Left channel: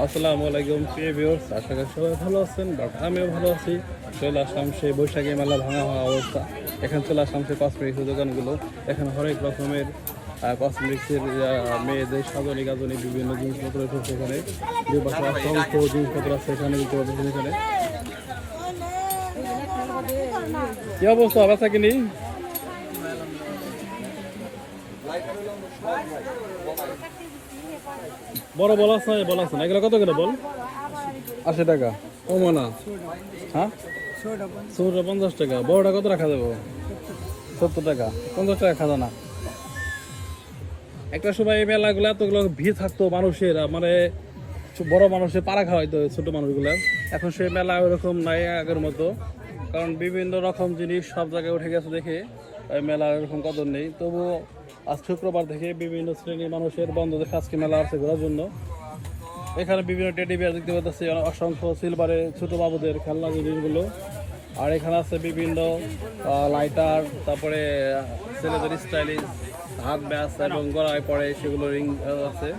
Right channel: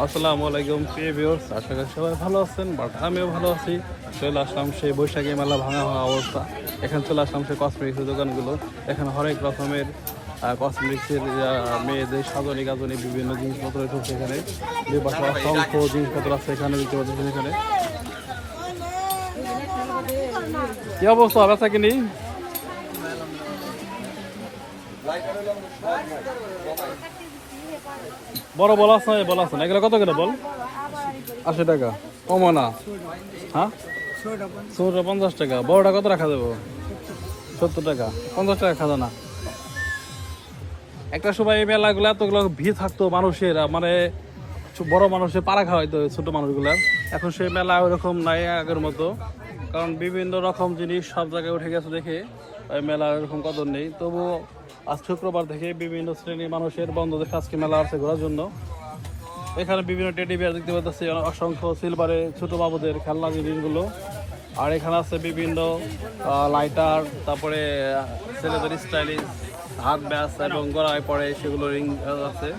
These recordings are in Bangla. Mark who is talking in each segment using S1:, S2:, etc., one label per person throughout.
S1: আসসালামু আলাইকুম, প্রিয় ভিউয়ার্স আশা করি সবাই ভালো আছেন, বাট আমিও ভালো আছি। চলে আসলাম সেই বৈশাখী মেলা ভাঙা ভাঙা অবস্থা। এখানে চলে আসলাম সেই কসমেটিক্সের দোকানগুলো। এখানে হরেক রকমের কসমেটিক্সের মেয়েদের সাজনি গাজনি, বিভিন্ন জিনিসপত্র রয়েছে এখানে। অসংখ্য জিনিসপত্র আছে এখানে এখানে। কি অবস্থা, বেচা কিনি? বড় বল আছে বল আছে না? এগুলো কত করে বল? আশি টাকা। কমা না। হ্যাঁ? ছোটটা পঞ্চাশ টাকা। বড়টা কত রাখা যাব? সত্তর টাকা। পঞ্চাশ টাকা খাজা না। একটা সময় এই মেলাগুলো এতগুলো ভিড় থাকতো মানুষের মানে বড় মানুষের পাড়া খাওয়াইতো ছোট মানুষগুলার এখন সেই মেলা ওরকম নাই আগের মতো। কারণ বিভিন্ন রকম জিনিস সব জায়গায় উঠে গেছে দেখে। মেলা এরকম কদর নেই। তবু আজ শুক্রবার থেকে বিভিন্ন শ্রেণির মানুষের বন্ধদের কাজকে মেলা আছে ঘোরার জন্য। এখানে বিভিন্ন টেডি বিয়ার দেখতে পাচ্ছি অসংখ্য সিলভারে ছোট বাবুদের খেলনা জিনিসগুলো। আর এখানে আছে বিভিন্ন লাইটার তারপরে ছেলেদের স্টাইলিশ হাত ব্যাস এবং গড়ায় পড়ে সেগুলো রিং আছে।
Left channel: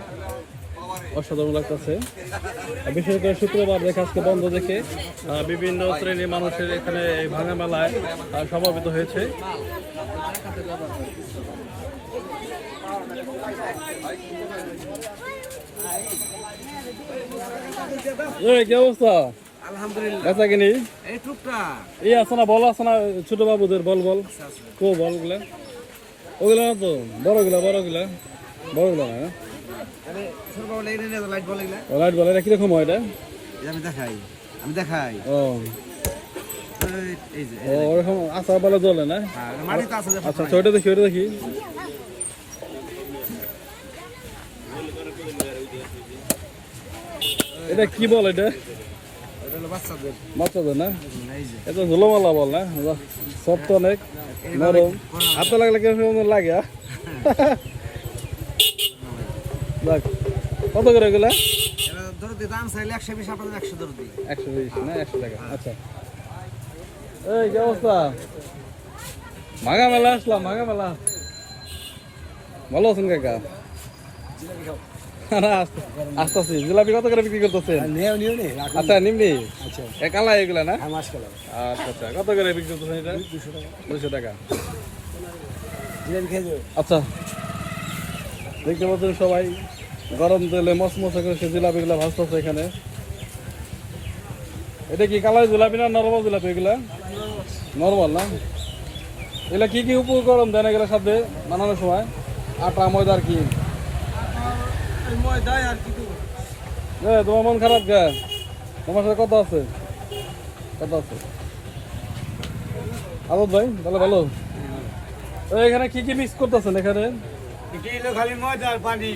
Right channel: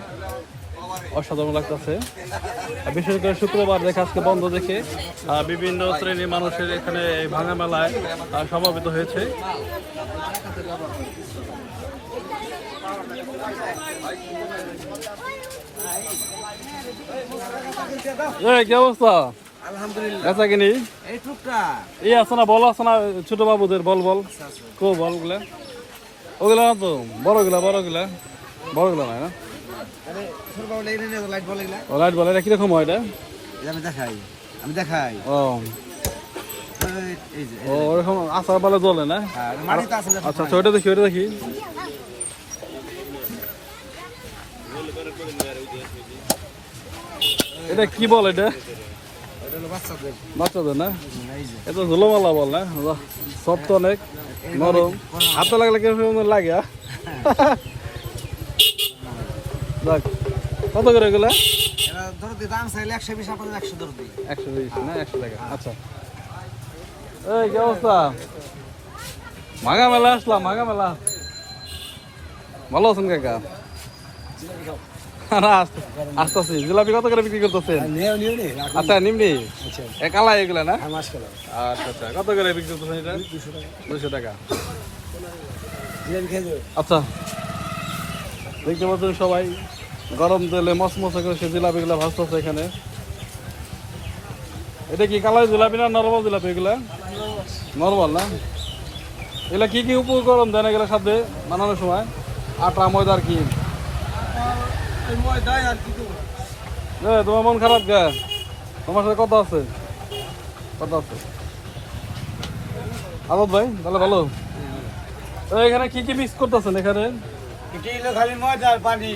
S1: অসাধারণ লাগতেছে। বিশেষ করে শুক্রবার দেখে আজকে বন্ধ দেখে বিভিন্ন শ্রেণির মানুষের এখানে এই ভাঙা মেলায় সমাবেত হয়েছে। কি অবস্থা?
S2: আলহামদুলিল্লাহ।
S1: কিনি?
S2: এই টুকটা।
S1: এই আছে না বল আছে না ছোট বাবুদের বল বল। কো বলগুলা ওগুলা। তো বড়গুলা বড়গুলা। বড়গুলা না?
S2: এগুলা
S1: ও লাইট বল এটা কীরকম হয় এটা?
S2: আমি দেখাই আমি দেখাই।
S1: ও।
S2: এই- এই
S1: ও ওরকম আচার বলে জ্বলে না?
S2: হ্যাঁ।
S1: আচ্ছা আচ্ছা ওইটা দেখি ওইটা দেখি। এটা কি বল এটা?
S2: বাচ্চাদের।
S1: না? এটা ঝুলোমালা বল না? বাহ, সফট অনেক নরম। হাতে লাগলে কেমন লাগে কত করে এগুলা?
S2: দাম চাইলে একশো বিশ আপনাদের একশো ধরে
S1: একশো বিশ না একশো টাকা? আচ্ছা। এই কি অবস্থা? মাগা মেলা আসলাম মাগা মেলা ভালো আছেন কাকা? না আস্তে- জিলাপি কত করে বিক্রি করতেছেন? আচ্ছা নিমনি? এ কালা এগুলা না? আচ্ছা আচ্ছা। কত করে বিক্রি করতেছেন এটা? দুশো টাকা। আচ্ছা। দেখতে পাচ্ছেন সবাই, গরম তেলে মসমসে করে সে জিলাপিগুলো ভাজতেছে এখানে। এটা কি কালার জিলাপি না নর্মাল জিলাপি এগুলা? নর্মাল না? এগুলা কি কি উপকরণ দেন এগুলোর সাথে বানানোর সময়? আটা, ময়দা আর কি? তোমার মন খারাপ কে? তোমার সাথে কত আছে। কত আছে। আদত ভাই, তাহলে ভালো এখানে কি কি মিক্স করতেছেন এখানে?
S2: এটা হলো খালি ময়দা আর পানি